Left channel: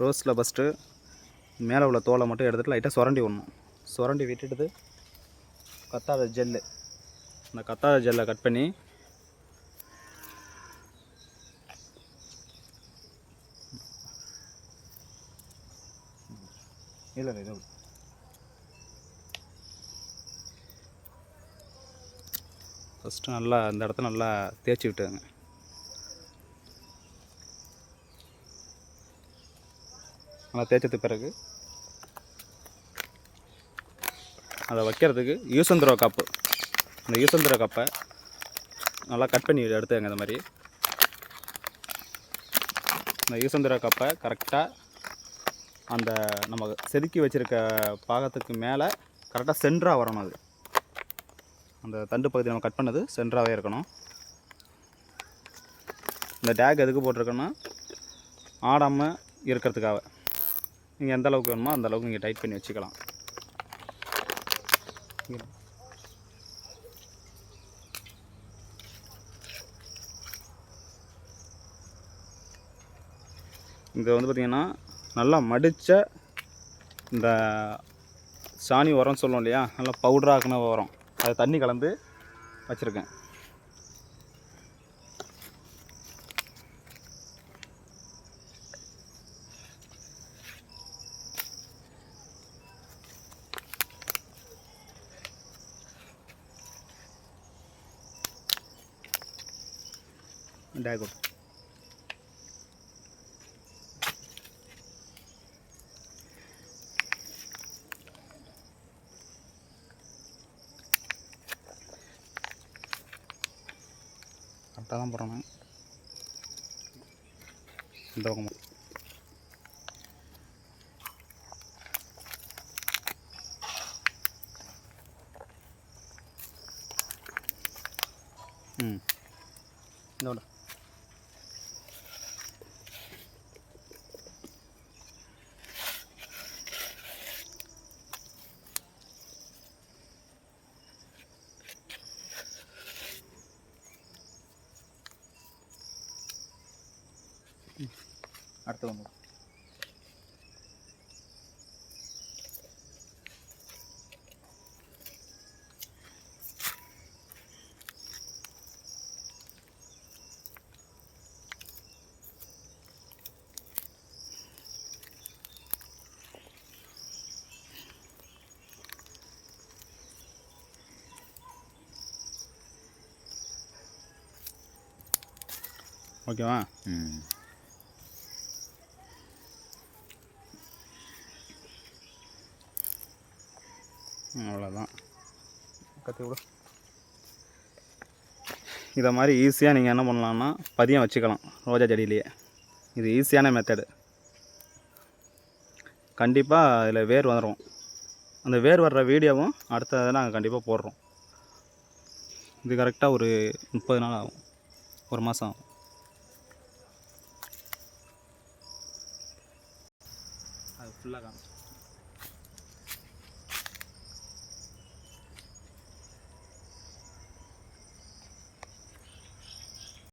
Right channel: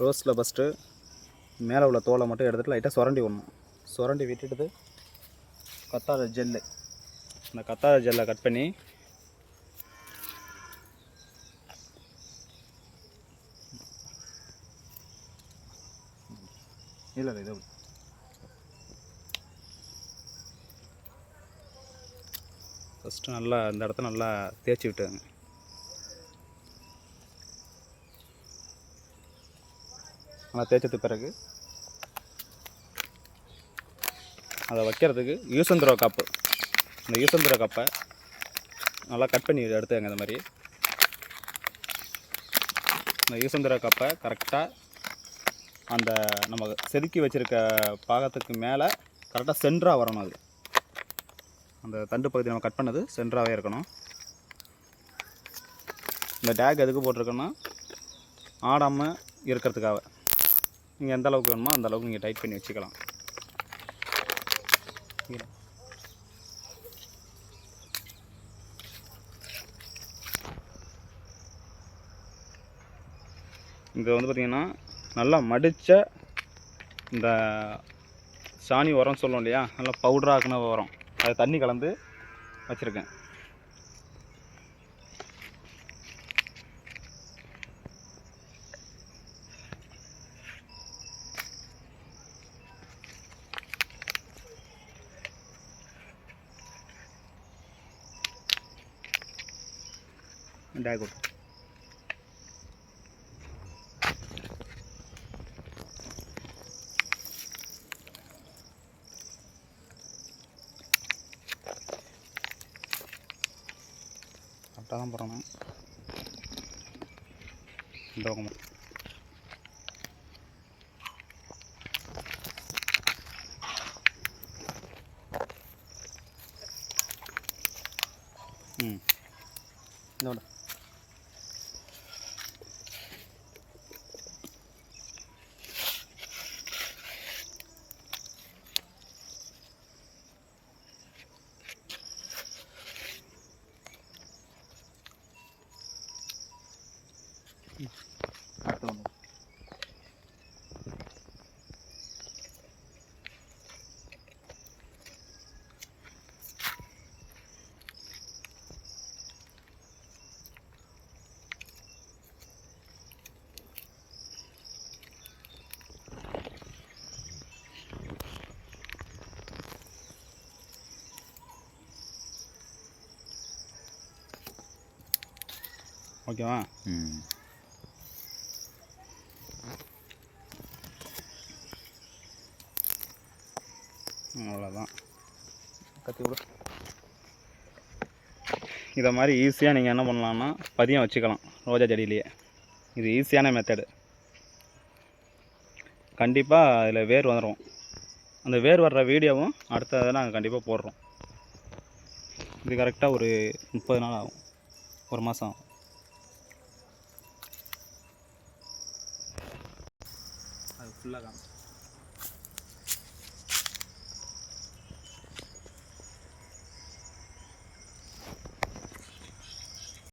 ரோஸில் first மேலே உள்ள தோலை மட்டும் எடுத்துகிட்டு லைட்டாக சுரண்டி விடணும். சுரண்டி விட்டுட்டு கத்தாத ஜெல்லு, இந்த கத்தாத ஜெல்லை கட் பண்ணி இல்லை இதை ஃபஸ்ட்டு நல்லா அந்த இடத்த நல்லா தேய்ச்சி விட்டுங்க. நல்லா தேய்ச்சதுக்கு பிறகு அதை வைக்கிறதுக்கு யூஸ் அண்ட் த்ரோ கப்பு, இந்த யூஸ் அண்ட் த்ரோ கப்பை நல்லா கட் பண்ணி எடுத்துங்க. இந்த மாதிரி இந்த யூஸ் அண்ட் த்ரோ கப்பை கரெக்டாக அந்த நம்ம செதுக்கி வச்சுருக்க பாகத்துக்கு மேலே கரெக்டாக சென்டராக வரணும். அது அந்த தண்டு பகுதி நம்ம கட் பண்ணது சென்டராகவே இருக்கணும். இந்த டேக் எதுக்கு போட்டிருக்கோன்னா ஆடாமல் இருக்கிறதுக்காக. நீங்கள் எந்த அளவுக்கு வேணுமோ அந்த அளவுக்கு நீங்கள் டைட் பண்ணி வச்சுக்கலாம். இங்கே வந்து பார்த்திங்கன்னா நல்லா மடித்த இந்த சாணி உரம் சொல்லுவோம் இல்லையா, நல்லா பவுடராக்குன உரம், அதை தண்ணி கலந்து வச்சுருக்கேன். டேக் கரெக்டாக தான் போகிறோம். இந்த பக்கம் இதோட அடுத்து வந்து ஓகேவா? அவ்வளோதான். கத்தி விட இதை மாதிரி ஈஸியாக நீங்கள் என்ன பண்ணலான்னா பதியம் வச்சுக்கலாம் ரோஜா செடியிலேயே. இது ஈஸியான மெத்தடு. கண்டிப்பாக அதில் வேர் வந்துடும். அந்த வேர் வர்ற வீடியோவும் அடுத்ததை நாங்கள் கண்டிப்பாக போடுறோம். இது கரெக்டாக ஒரு 30 நாள் ஆகும், ஒரு மாதம் ஆகும். அது ஃபுல்லாக காணும்.